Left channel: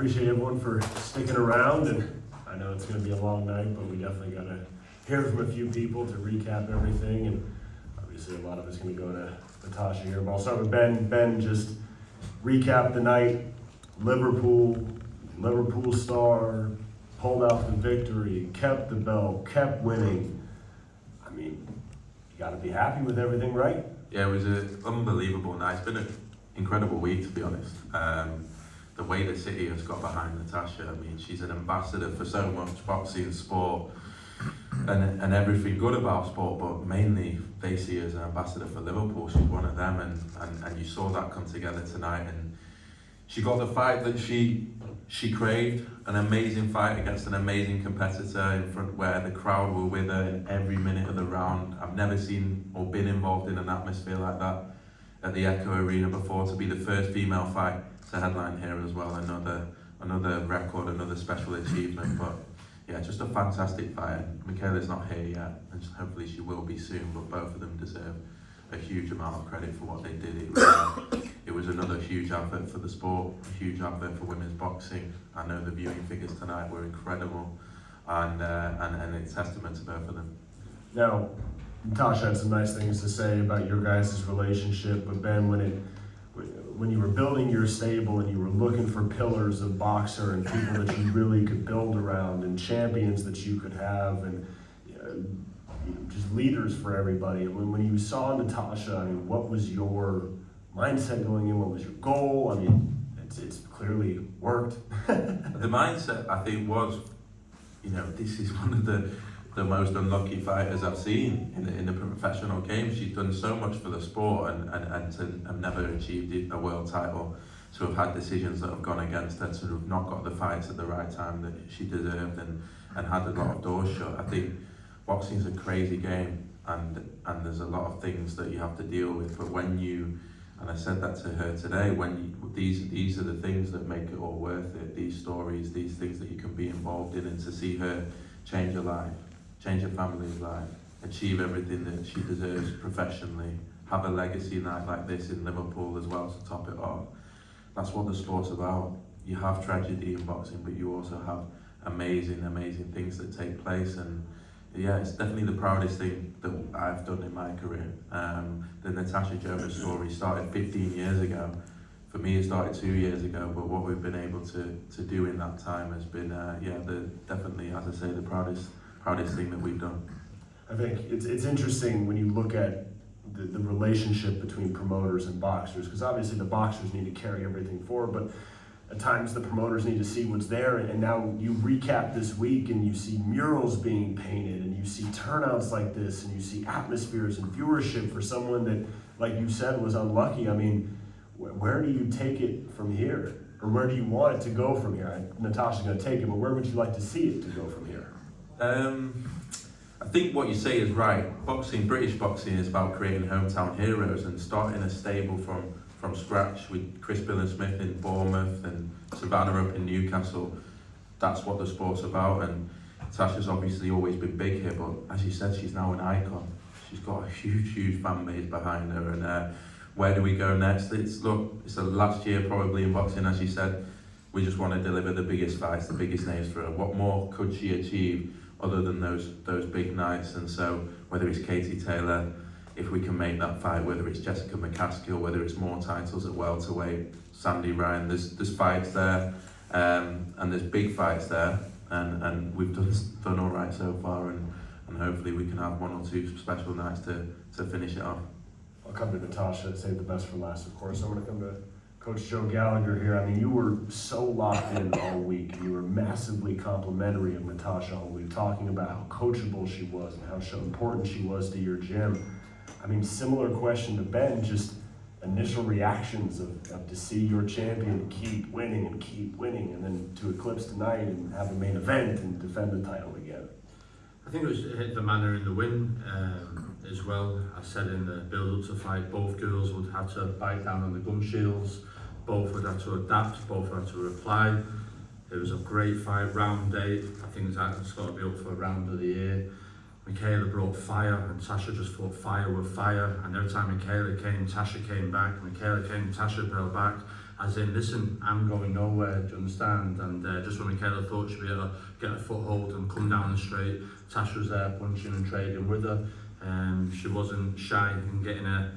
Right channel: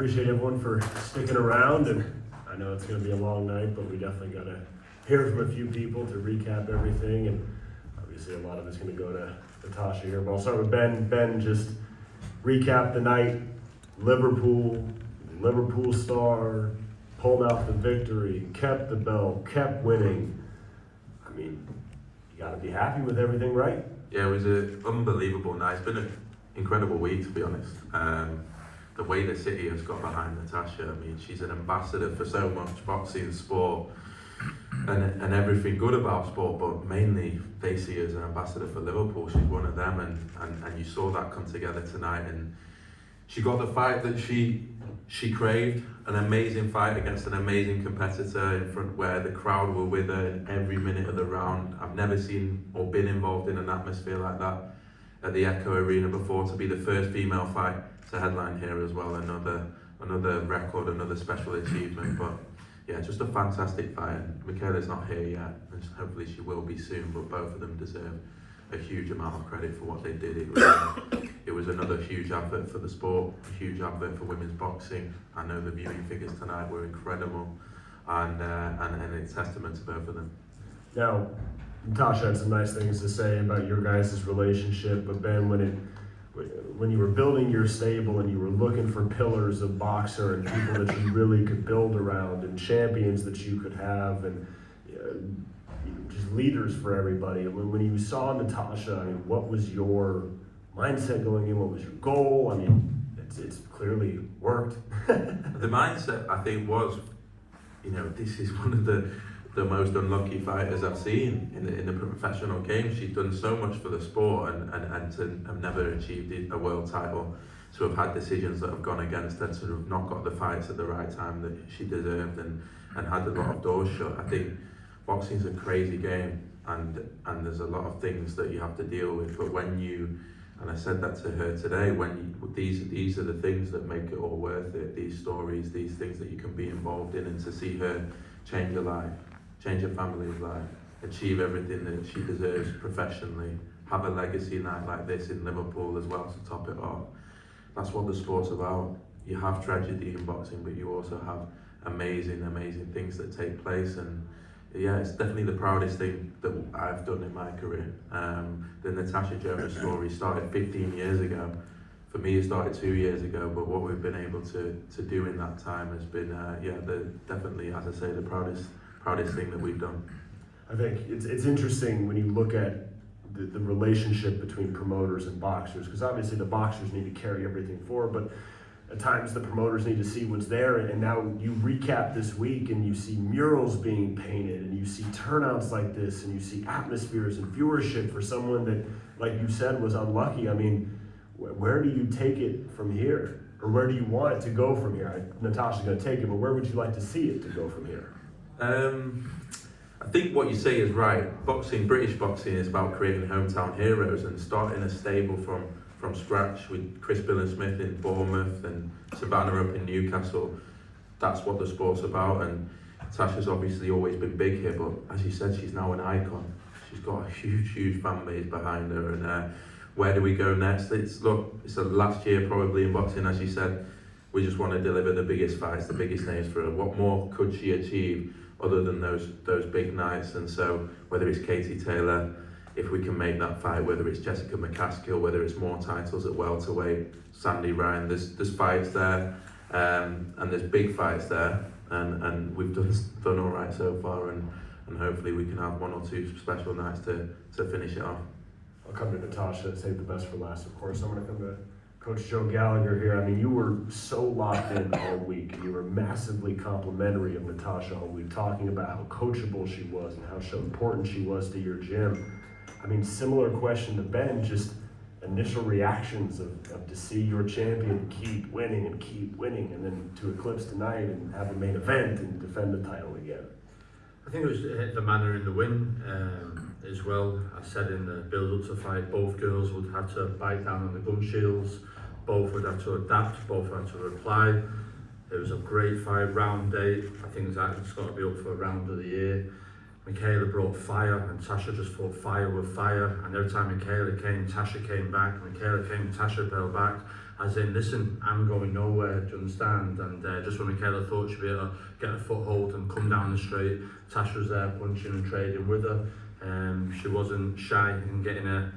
appreciate everyone for sticking around, and I know it's going to be a long night, but we definitely got to hear from a few people to recap everything, and obviously a lot of it's going to go to Natasha here, but I'll start with Ben. Ben, just recap the night. Liverpool star, pulled out the victory, kept the belt, kept winning. I mean, you got to be happy with everything, right? Yeah, it was an unbelievable night. It's been an incredible week, to be honest. The way the city has got behind Natasha, I mean, she's an ambassador for so much boxing, sport, and everything good about sport, but mainly they see her as an ambassador for Liverpool. She's one of them, and you saw that come together tonight, and she got the fight that she craved, an amazing fight against an amazing competitor in front where the crowd were with her in every minute of the round. I've never seen or been involved in an atmosphere like that at the Echo Arena before, to be the first female fight to headline here as well. Another record, another special achievement. But yeah, just a fantastic fight. And Mikaela's not here yet, and hopefully she will be soon, but both of them deserve a huge amount of credit for what they did. It was another huge advert for the sport, a huge advert for women's boxing. I know the viewing figures tonight were incredible, and it's testament to both of them. Now, Natasha had some nice things to say about your guys' relationship, but Ben, when you were building your stable and you were looking for pillars of boxer and people that you really could build around and champions that you could have and just leaders for everybody, and when you saw Natasha, I mean, what was your mindset going in? What was your goal? I mean, it's clearly worked. The mindset, I think, was, this is one of the most unlucky fighters I've seen in the professional game. She's done so much for the sport and to have never achieved a world title, to have had decisions that have gone against her, to have not got the fights at the right time that she deserved, and had a lot of doors shut. I think boxing's a crazy game, and there's a lot of things that you have to deal with, but when you, and I said that to her today, these are the things that make it all worth it, these stories, these things that you can be involved in, and to see her change her life, change her family's life, achieve everything that she deserves professionally, have a legacy night like this in Liverpool as well to top it off. That's what the sport's about. You have tragedy in boxing, but you also have amazing things that take place, and yeah, it's definitely the proudest thing that I've done in my career. The Natasha JONAS story started 15 years ago. For me, it started 2 years ago, but what we've been able to do in that time has been, definitely, as I say, the proudest thing that we've done. I think it's interesting when you look at the relationship between promoters and boxers, because obviously the boxers need to carry everything forward, but at times the promoters need to see what's there, and now you recap this week and you see murals being painted and you see turnouts like this and you see atmospheres and viewership for someone that, like you said, was unlucky. I mean, where do you take it from here? Or where do you want it to go from here? Natasha's going to take it, but where would you like to see it to go from here? I think what you say is right. British boxing is about creating hometown heroes and starting a stable from scratch with Chris Smith in Bournemouth and Savannah up in Newcastle. That's what the sport's about, and Tasha's obviously always been big here, but as you said, she's now an icon. She's got a huge fan base behind her, and where do we go next? It's the last year probably in boxing, as you said. We just want to deliver the biggest fights, the biggest names for her. What more could she achieve other than those big nights? And so whether it's Katie Taylor, if we can make that fight, whether it's Jessica McCaskill, whether it's more titles at welterweight, Sandy Ryan, there's fights there, and there's big fights there, and we've done all right so far, and hopefully we can have one or two special nights to finish it off. I'll come to Natasha, save the best for last, of course. I'm going to come to Coach Joe Gallagher here. I mean, you were so locked in all week. You were massively complimentary of Natasha all week, talking about how coachable she was and how important she was to your gym. I mean, similar question to Ben, just initial reactions of to see your champion keep winning, and then to eclipse tonight and have a main event and defend the title again. I think it was the manner in the win as well. I said in the build-up to fight, both girls would have to bite down on the gun shields, both would have to adapt, both would have to reply. It was a great fight, round 8. I think it's got to be up for a round of the year. Mikaela brought fire, and Tasha just fought fire with fire, and every time Mikaela came, Tasha came back, Mikaela came, Tasha fell back, as in, listen, I'm going nowhere, do you understand? And just when Mikaela thought she'd be able to get a foothold and come down the straight, Tasha was there punching and trading with her. She wasn't shy in getting a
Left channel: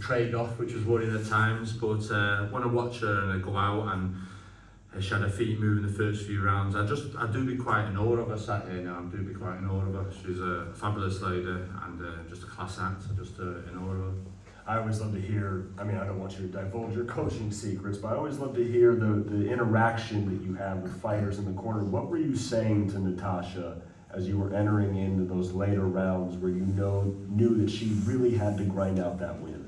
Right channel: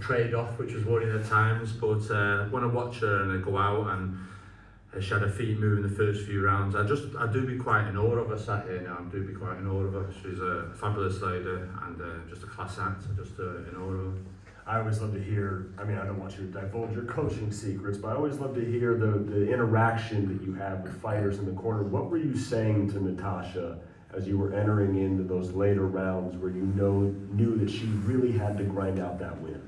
trade off, which was worrying at times, but when I watch her and I go out and she had her feet moving the first few rounds, I do be quite in awe of her sat here now. I do be quite in awe of her. She's a fabulous lady and just a class act, just in awe of her. I always love to hear, I mean, I don't want you to divulge your coaching secrets, but I always love to hear the interaction that you have with fighters in the corner. What were you saying to Natasha as you were entering into those later rounds where you knew that she really had to grind out that win?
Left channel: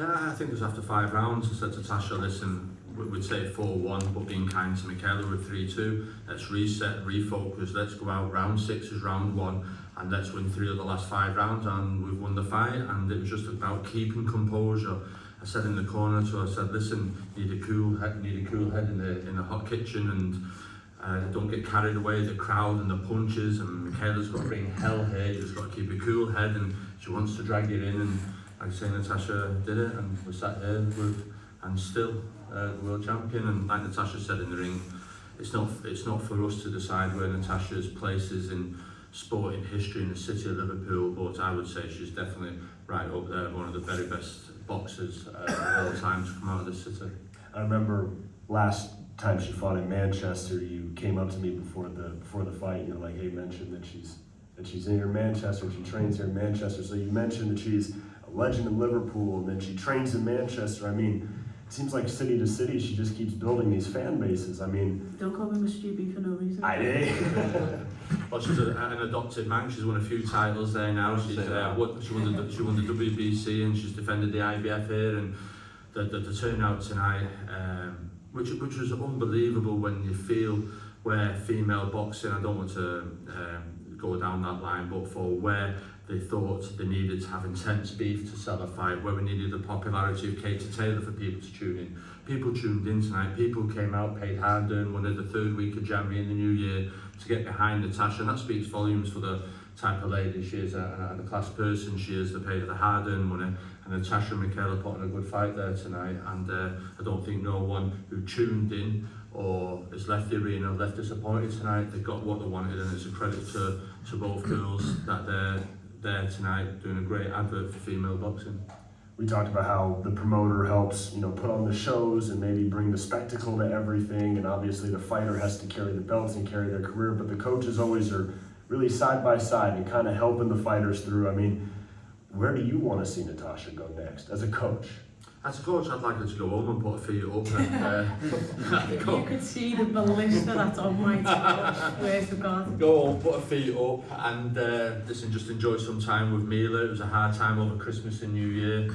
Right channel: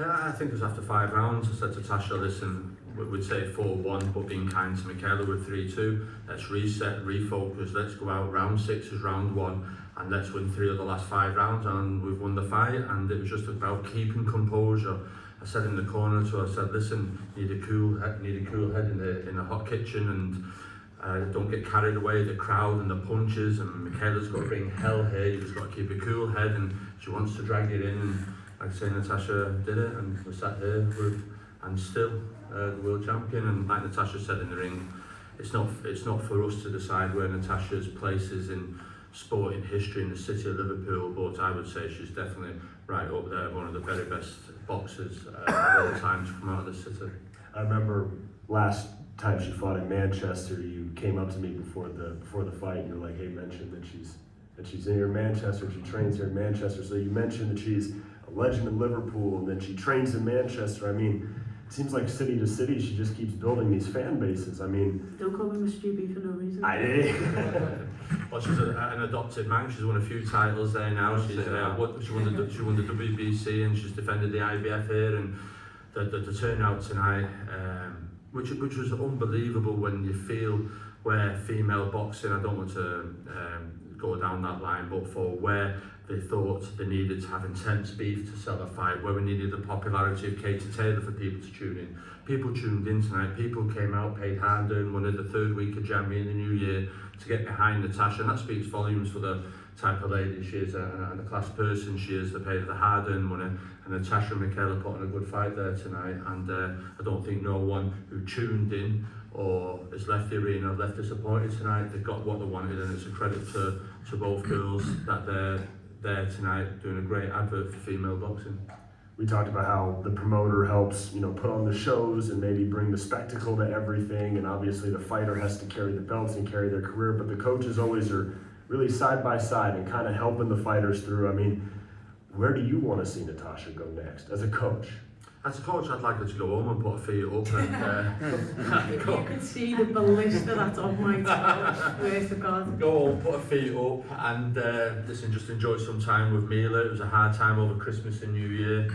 I think it was after 5 rounds. I said to Tasha, listen, we'd say 4-1, but being kind to Mikaela with 3-2. Let's reset, refocus, let's go out. Round 6 is round 1, and let's win 3 of the last 5 rounds, and we've won the fight. And it was just about keeping composure. I said in the corner to her, I said, listen, need a cool head in the hot kitchen, and don't get carried away, the crowd and the punches, and Mikaela's got to bring hell here, you've just got to keep a cool head, and she wants to drag it in, and like I say, Natasha did it, and we sat here and still world champion. And like Natasha said in the ring, it's not for us to decide where Natasha's place is in sporting history in the city of Liverpool, but I would say she's definitely right up there, one of the very best boxers of all time to come out of this city. I remember last time she fought in Manchester, you came up to me before the fight, and you're like, hey, mention that she's in here in Manchester, she trains here in Manchester. So you mentioned that she's a legend in Liverpool and that she trains in Manchester. I mean, it seems like city to city, she just keeps building these fan bases. I mean, don't call me Mr. B for no reason. Well, she's an adopted man. She's won a few titles there now. She won the WBC and she's defended the IBF here, and the turnout tonight, which was unbelievable when you feel where female boxing, I don't want to go down that line, but for where they thought they needed to have intense beef to sell a fight, where we needed the popularity of Katie Taylor for people to tune in. People tuned in tonight, people came out, paid hard-earned money the 3rd week of January in the new year to get behind Natasha, and that speaks volumes for the type of lady she is and the class person she is. They paid the hard-earned money, and Natasha and Mikaela put on a good fight there tonight, and I don't think no one who tuned in or has left the arena left disappointed tonight. They got what they wanted, and it's a credit to both girls that they're there tonight doing a great advert for female boxing. We talked about how the promoter helps, put on the shows and maybe bring the spectacle to everything, and obviously the fighter has to carry the belts and carry their career, but the coaches always are really side by side and kind of helping the fighters through. I mean, where do you want to see Natasha go next as a coach? As a coach, I'd like her to go home and put her feet up and If you could see the ballista that's on my toe, where's the God? go home, put her feet up, and listen, just enjoy some time with Mila. It was a hard time over Christmas and New Year.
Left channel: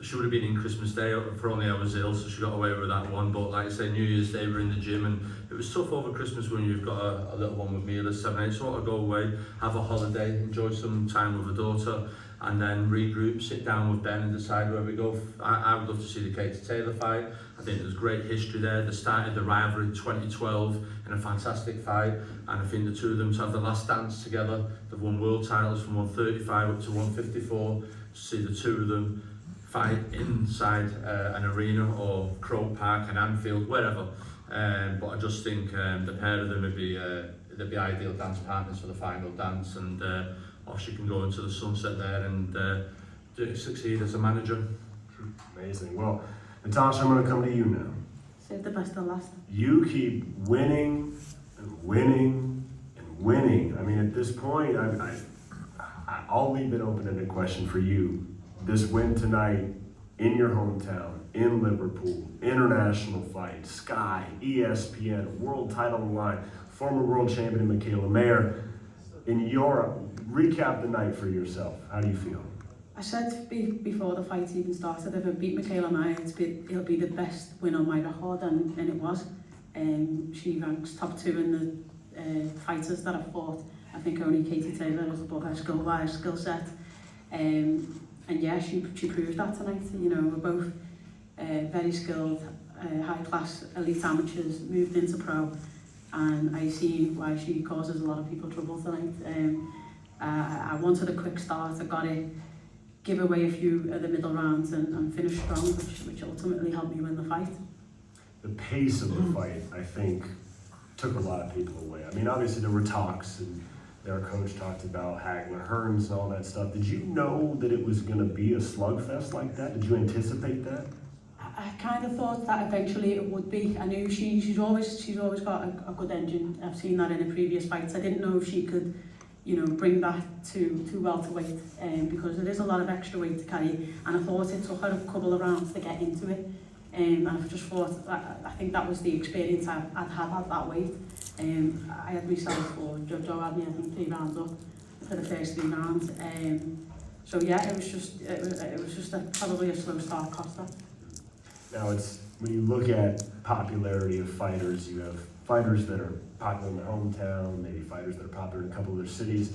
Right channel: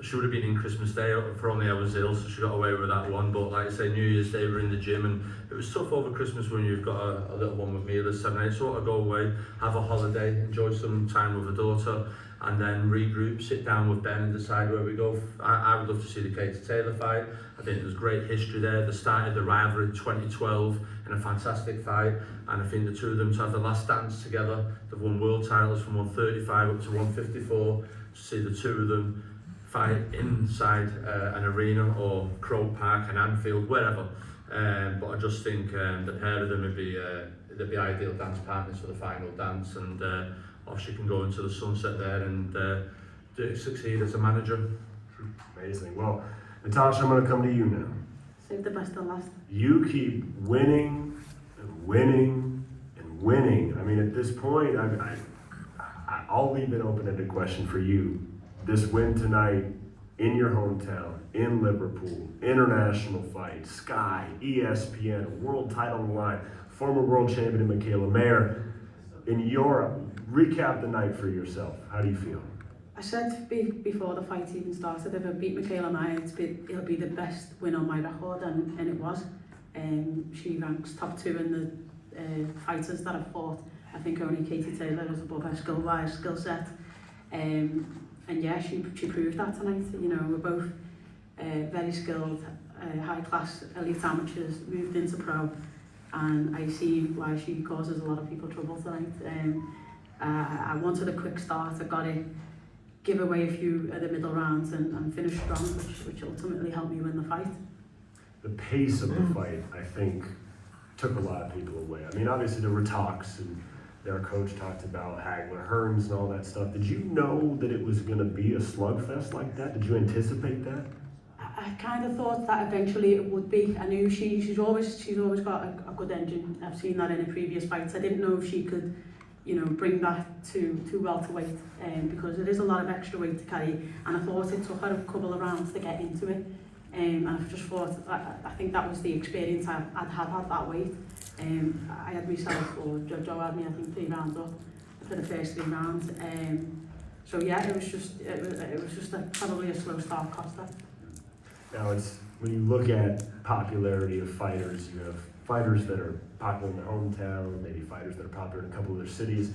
She would have been in Christmas Day, for only I was ill, so she got away with that one. But like I say, New Year's Day, we're in the gym, and it was tough over Christmas when you've got a little one with Mila, 7, 8. So I want to go away, have a holiday, enjoy some time with her daughter, and then regroup, sit down with Ben and decide where we go. I would love to see the Katie Taylor fight. I think there's great history there. They started the rivalry in 2012 in a fantastic fight, and I think the two of them to have the last dance together. They've won world titles from 135 up to 154. To see the two of them fight inside an arena or Croke Park and Anfield, wherever. But I just think the pair of them would be they'd be ideal dance partners for the final dance, and or she can go into the sunset there and succeed as a manager. Amazing. Well, Natasha, I'm going to come to you now. Save the best to last. You keep winning and winning and winning. I mean, at this point, I'll leave it open-ended question for you. This win tonight in your hometown, in Liverpool, international fight, Sky, ESPN, world title on the line, former world champion Mikaela Mayer. In Europe, recap the night for yourself. How do you feel? I said before the fight even started, if I beat Mikaela Mayer, it'll be the best win on my record, and it was. She ranks top 2 in the fighters that I've fought. I think only Katie Taylor has above her skill set. And yeah, she proved that tonight. We're both very skilled, high-class elite amateurs, moved into pro, and I see why she causes a lot of people trouble tonight. I wanted a quick start. I got it give away a few of the middle rounds and finish strong, which ultimately helped me win the fight. The pace of the fight, I think, took a lot of people away. I mean, obviously there were talks, and their coach talked about Hagler, Hearns, and all that stuff. Did you know that it was going to be a slugfest like that? Did you anticipate that? I kind of thought that eventually it would be. I knew she's always got a good engine. I've seen that in her previous fights. I didn't know if she could, bring that to welterweight, because there is a lot of extra weight to carry. And I thought it took her a couple of rounds to get into it. And I just thought, I think that was the experience I'd had at that weight. I had myself, or Joe had me, I think, 3 rounds up for the first 3 rounds. So yeah, it was just probably a slow start cost her. Now, when you look at popularity of fighters, you have fighters that are popular in their hometown, maybe fighters that are popular in a couple of their cities,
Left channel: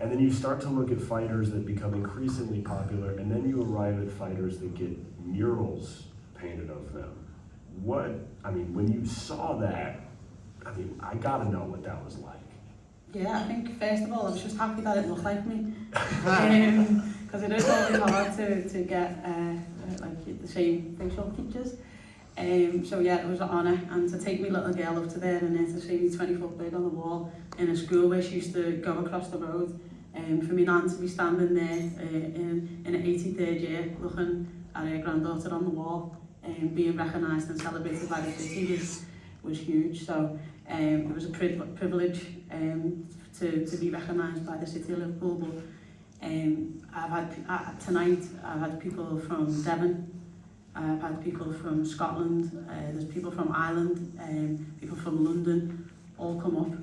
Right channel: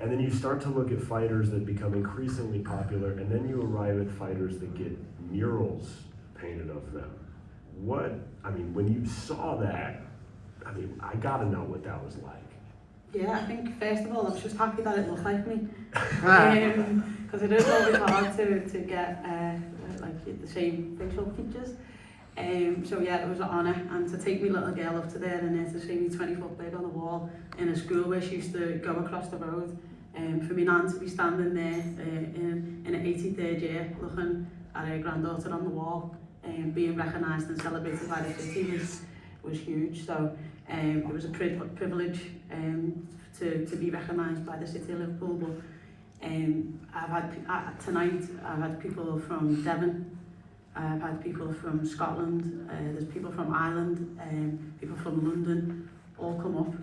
and then you start to look at fighters that become increasingly popular, and then you arrive at fighters that get murals painted of them. When you saw that, I gotta know what that was like. Yeah, I think first of all, I was just happy that it looked like me, because it is always hard to get like the same facial features. So yeah, it was an honour, and to take my little girl up to there and then to see me 20-foot big on the wall in a school where she used to go across the road, for me nan to be standing there in her 83rd year looking at her granddaughter on the wall, being recognised and celebrated by the city was huge. So it was a privilege to be recognised by the city of Liverpool. But tonight I've had people from Devon, I've had people from Scotland, there's people from Ireland, people from London, all come up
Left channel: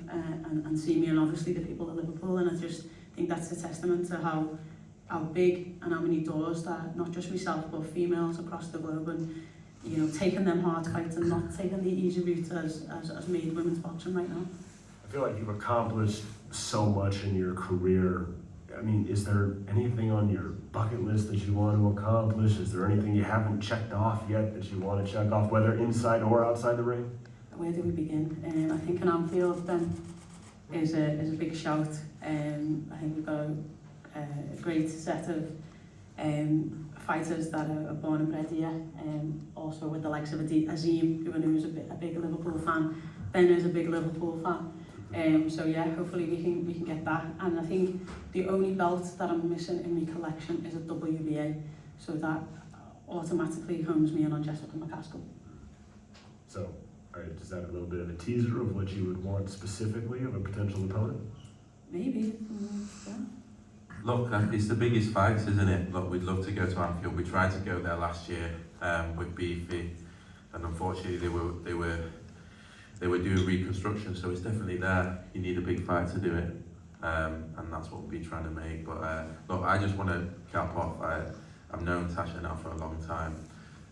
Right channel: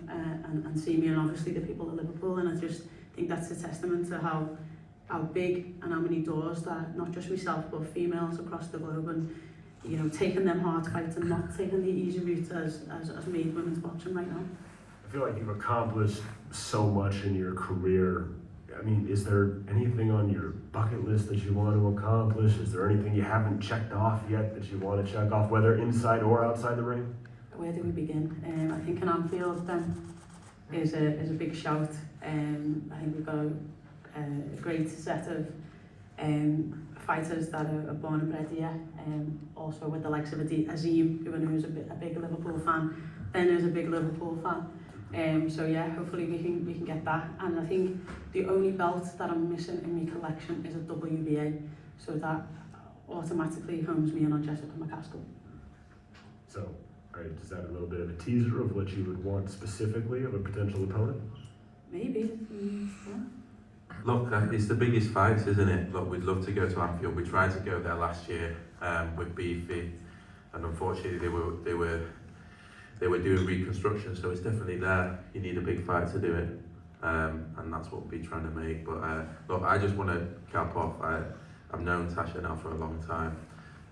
and see me, and obviously the people of Liverpool. And I just think that's a testament to how big and how many doors that not just myself but females across the globe, and taking them hard fights and not taking the easy route as made women's boxing right now. I feel like you've accomplished so much in your career. Is there anything on your bucket list that you want to accomplish? Is there anything you haven't checked off yet that you want to check off, whether inside or outside the ring? Where do we begin? I think an Anfield is a big shout. I think we've got a great set of fighters that are born and bred here. Also with the likes of Azim, who is a big Liverpool fan. Ben is a big Liverpool fan. So yeah, hopefully we can get that. And I think the only belt that I'm missing in my collection is a WBA, so that automatically homes me in on Jessica McCaskill. So, does that have a little bit of a teaser of what you would want specifically of a potential opponent? Maybe. Look, it's the biggest fight, isn't it? Look, we'd love to go to Anfield. We tried to go there last year with Beefy, and unfortunately they were doing reconstruction, so it's definitely there. You need a big fight to do it, and that's what we'll be trying to make. But look, I just want to cap off. I've known Natasha now for a long time.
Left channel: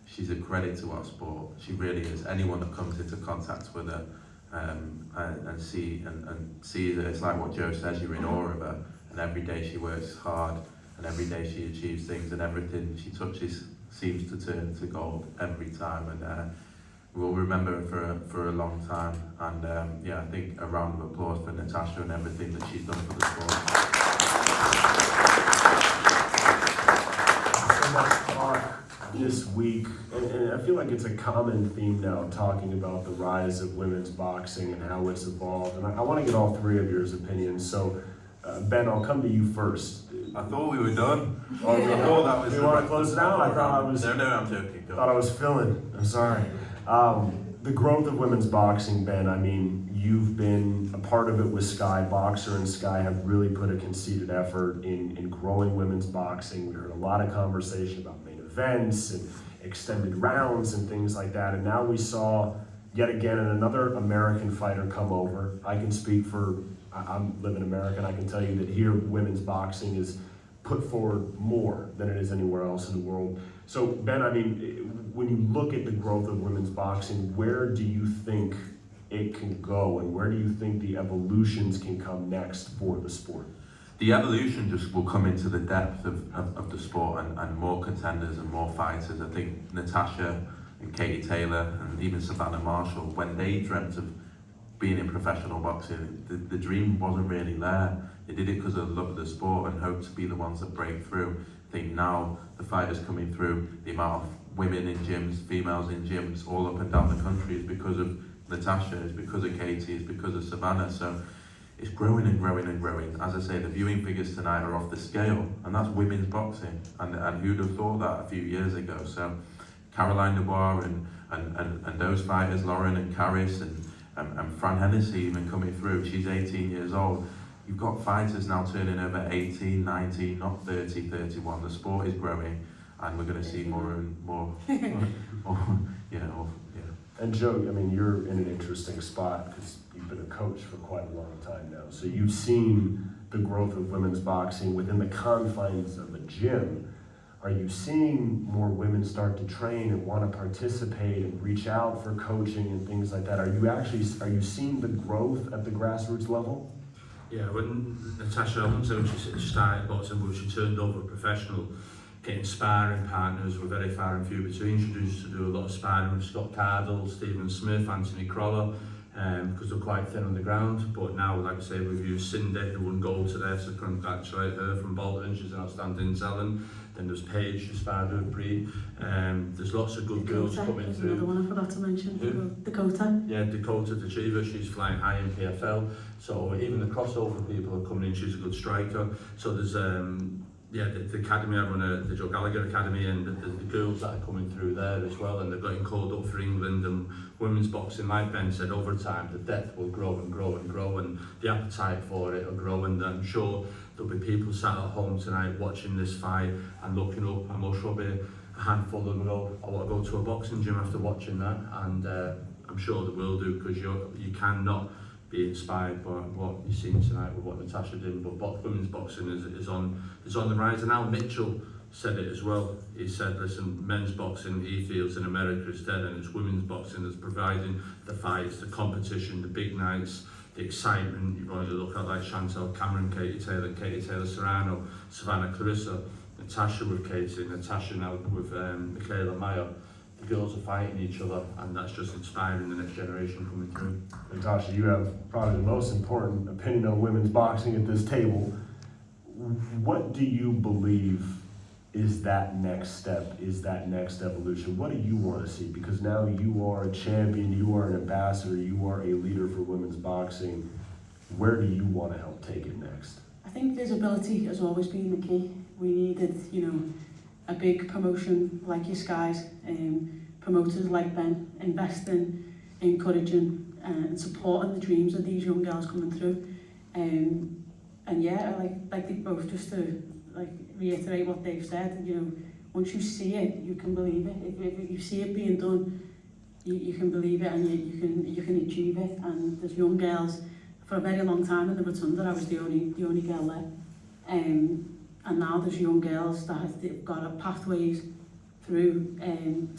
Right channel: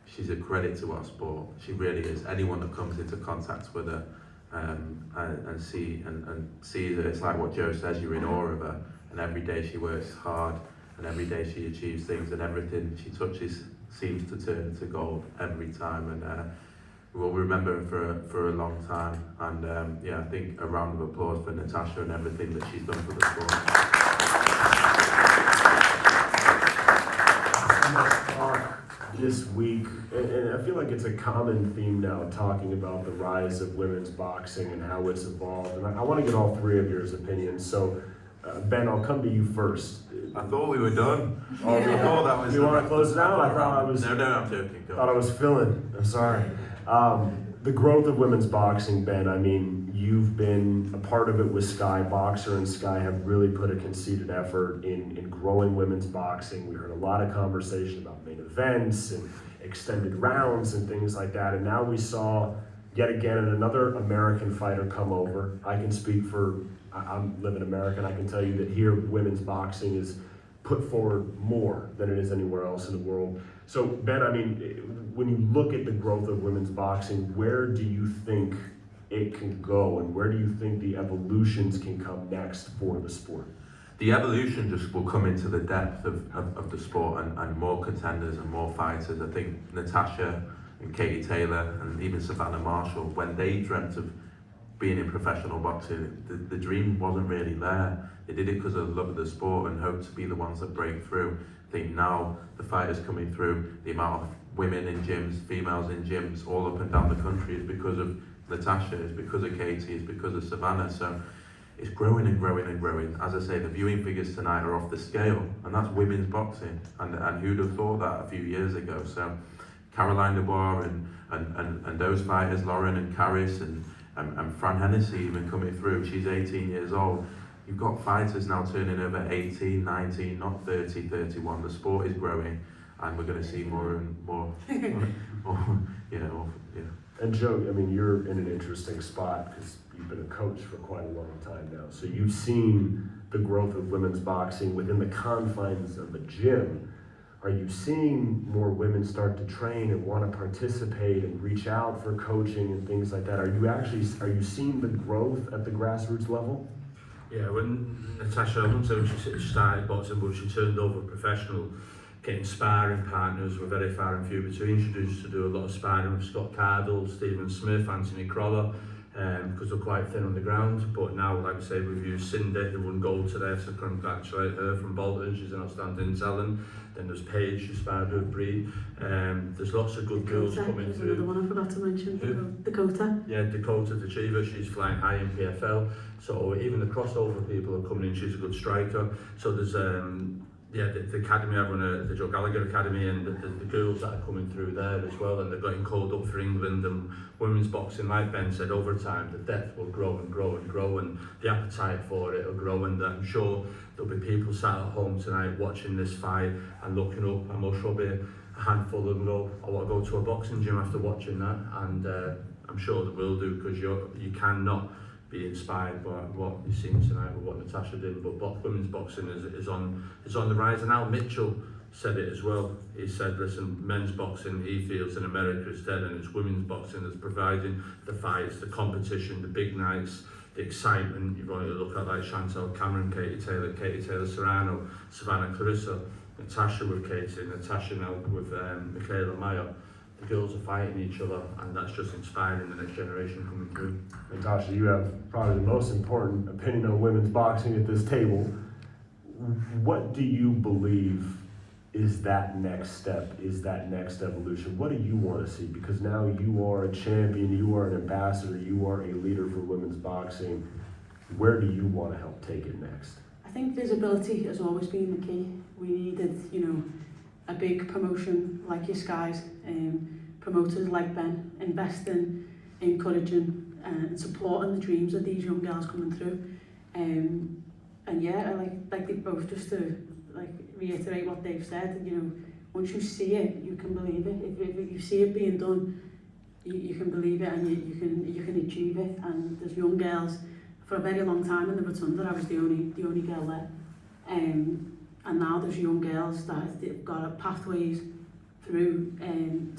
She's a credit to our sport. She really is. Anyone that comes into contact with her and sees her, it's like what Joe says, you're in awe of her. And every day she works hard, and every day she achieves things, and everything she touches seems to turn to gold every time. And we'll remember her for a long time. And I think a round of applause for Natasha and everything that she's done for the sport. This week, and I feel like it's a common theme now, talking about the rise of women's boxing and how it's evolved. And I want to get all 3 of your opinions. So, Ben, I'll come to you first. I thought we were done. Oh, I thought that was. You want to close it out? No, I'm joking. I thought I was filling. I'm sorry. The growth of women's boxing, Ben, you've been a part of it with Sky Boxer, and Sky have really put a conceited effort in growing women's boxing. We heard a lot of conversation about main events and extended rounds and things like that, and now we saw yet again another American fighter come over. I can speak for, I live in America, and I can tell you that here women's boxing is put forward more than it is anywhere else in the world. So Ben, when you look at the growth of women's boxing, where do you think it can go, and where do you think the evolutions can come next for the sport? The evolution just will come into the depth of the sport, and more contenders and more fighters. I think Natasha and Katie Taylor and even Savannah Marshall, when they dreamt of being in professional boxing, the dream wasn't really there. They did it because of the love of the sport and hoped to be the ones that break through. think now the fighters coming through, the amount of women in gyms, females in gyms, all up and down the country is because of Natasha, it's because of Katie, it's because of Savannah. So it's growing and growing and growing. As I say, the viewing figures tonight are off the scale, and that's women's boxing. And who'd have thought that a few years ago? So Caroline Dubois and those fighters, Lauren and Caris and Fran Hennessy even coming through, she's 18 years old. You've got fighters now turning over 18, 19, not 30, 31. The sport is growing, and we're going to see more and more, more, you know. Yeah. And Joe, I mean, you're in an interesting spot because you've been a coach for quite a long time now. So you've seen the growth of women's boxing within the confines of the gym. Are you seeing more women start to train and want to participate and reach out for coaching and things like that? Are you seeing the growth at the grassroots level? Yeah, when Natasha, I wouldn't say when she started boxing, but she turned over professional, getting sparring partners were very far and few between. She used to do a lot of sparring with Scott Cardle, Stephen Smith, Anthony Croller, because they're quite thin on the ground. But now, like I say, we've used Cindy, who won gold today, so congratulate her from Bolton. She's an outstanding talent. Then there's Paige, who sparred with Bree. There's lots of good girls coming through. The one I forgot to mention, Who? Dakota. Yeah, Dakota the Achiever, she's flying high in PFL. So even the crossover people are coming in, she's a good striker. So there's the academy, I run the Joe Gallagher Academy, and the girls that are coming through there as well, and they're getting called up for England. And women's boxing, like Ben said, over time the depth will grow and grow and grow, and the appetite for it will grow. And I'm sure there'll be people sat at home tonight watching this fight and looking up, and I'm sure there'll be a handful of them go, I want to go to a boxing gym after watching that. And I'm sure they will do, because you cannot be inspired by what you've seen tonight with what Natasha did. But women's boxing is on the rise. And Al Mitchell said it as well. He said, listen, men's boxing, he feels in America is dead, and it's women's boxing that's providing the fights, the competition, the big nights, the excitement. You've only look at like Chantal Cameron, Katie Taylor Serrano, Savannah Clarissa, Natasha with Katie, Natasha now with Mikaela Mayer. The girls are fighting each other, and that's just inspiring the next generation coming through. Natasha, you have probably the most important opinion on women's boxing at this table. What do you believe is that next step, is that next evolution? What do you want to see? Because now you are a champion, you are an ambassador, you are a leader for women's boxing. Where do you want to help take it next? I think visibility has always been the key. We needed, a big promotion like your Skies, promoters like Ben, investing, encouraging and supporting the dreams of these young girls coming through. And yeah, like they both, just to reiterate what they've said, once you see it, you can believe it. If you see it being done, you can believe it, and you can achieve it. And there's young girls, for a very long time in the Rotunda, I was the only girl there. And now there's young girls that have got pathways through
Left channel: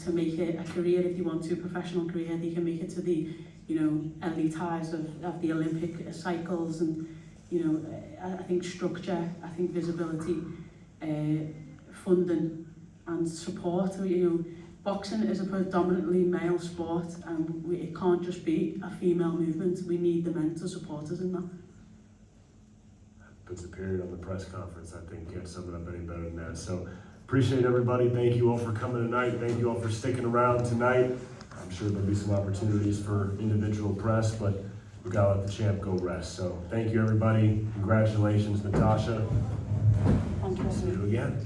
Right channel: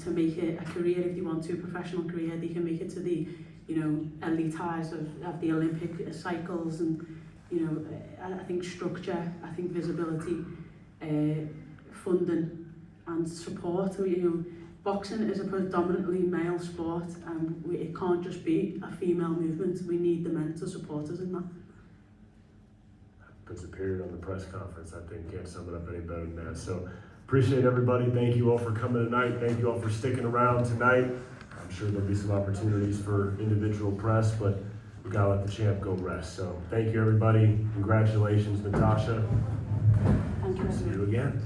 to make it a career. If you want to, professional career, they can make it to the elite highs of the Olympic cycles. And I think structure, I think visibility, funding and support. Boxing is a predominantly male sport, and it can't just be a female movement. We need the men to support us in that. Puts a period on the press conference. I think can't sum it up any better than that. So appreciate everybody. Thank you all for coming tonight. Thank you all for sticking around tonight. I'm sure there'll be some opportunities for individual press, but we gotta let the champ go rest. So thank you everybody. Congratulations, Natasha. Thank you. See you again.